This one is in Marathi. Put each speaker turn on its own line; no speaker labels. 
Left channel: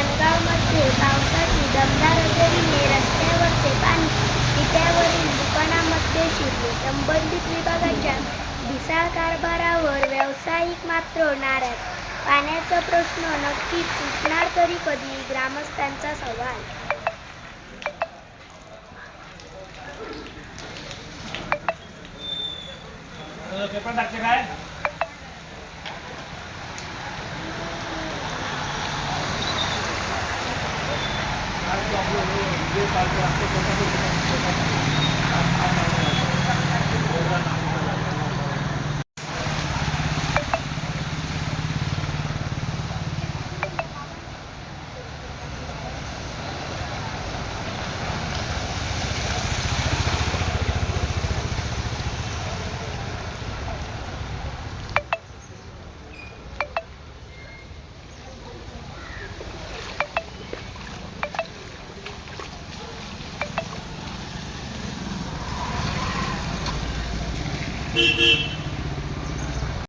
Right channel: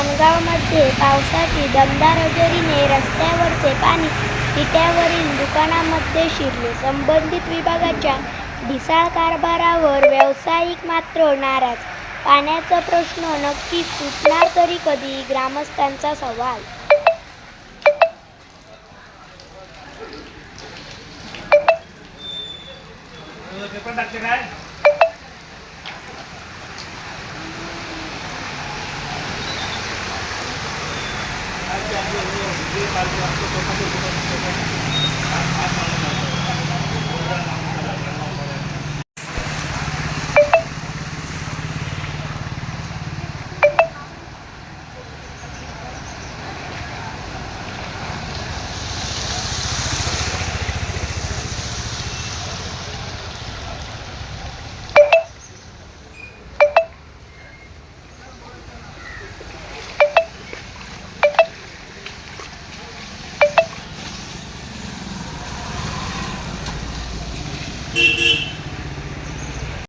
माणगावमध्ये पावसाची दमदार हजेरीने रस्त्यावरचे पाणी पित्यावरील दुकानामध्ये शिरले. संबंधित विभागाच्या ढिसाळ कारभारावर व्यावसायिक मात्र नाराज. पाण्याचा प्रश्न नक्कीच सुटणार तरी कधी? ग्रामस्थांचा सवाल. काय? যে কালকে আসলো কথা বলতে Beep beep.